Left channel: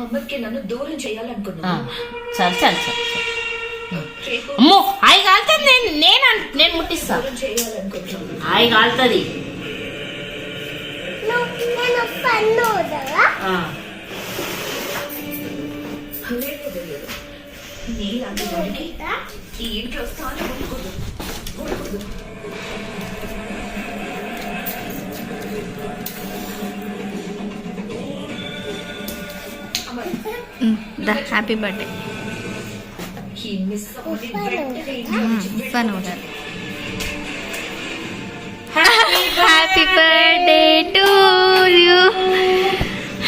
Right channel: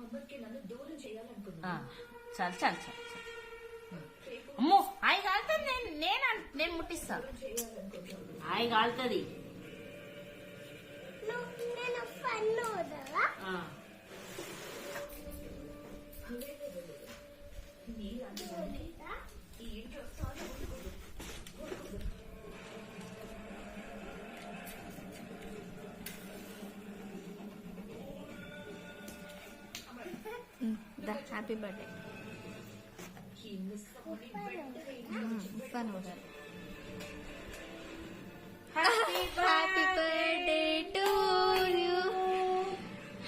అమ్మకి నన్ను దూరం చేయాలనుకున్నా. చాలు చాలు చాలు అమ్మో హాయి కాలుతుంది. నేను ముట్టిస్తా. హాయి కాలుతుంది. నీలాంటి వాడికి ఈ ఇంట్లో స్థానం ఉండకూడదు. Happy birthday. Happy birthday to you.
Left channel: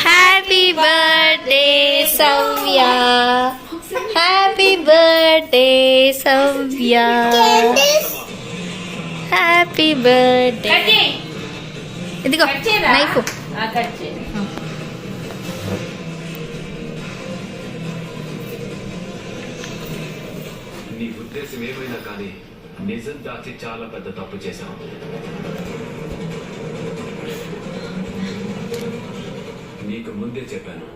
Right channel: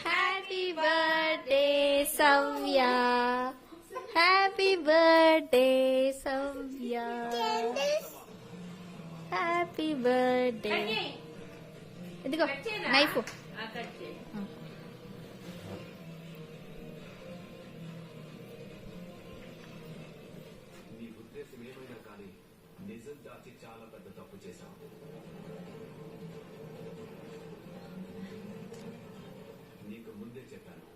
Happy birthday Soumya. Happy birthday Soumya. Happy birthday. ఇదిగో నైఫ్. నీ ఉద్దేశం ఏమైనా కానీ నిజం దాచి చాలా పెద్ద తప్పు చేశావు. నీకు ముందే చెప్పాను,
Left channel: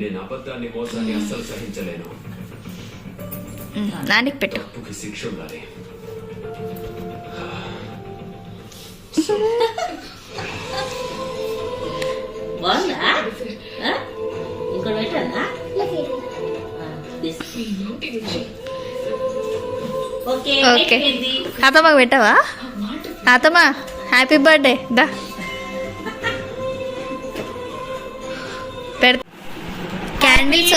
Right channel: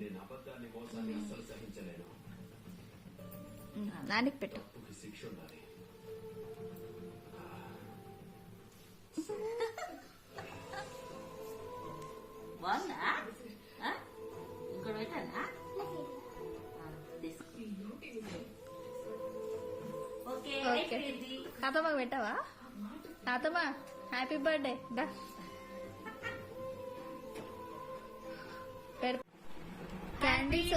నేను అబద్ధాన్ని మోసాన్ని అస్సలు సహించలేను. నానికి పెట్టు. తప్పుకి శిక్ష ఉండాలి. బాగుందా? ఇక్కడ పెట్టానా? ఓకే తాతమ్మకు పెట్టావా? తాతమ్మ హ్యాపీ బర్త్డే. దా క్యాండిల్స్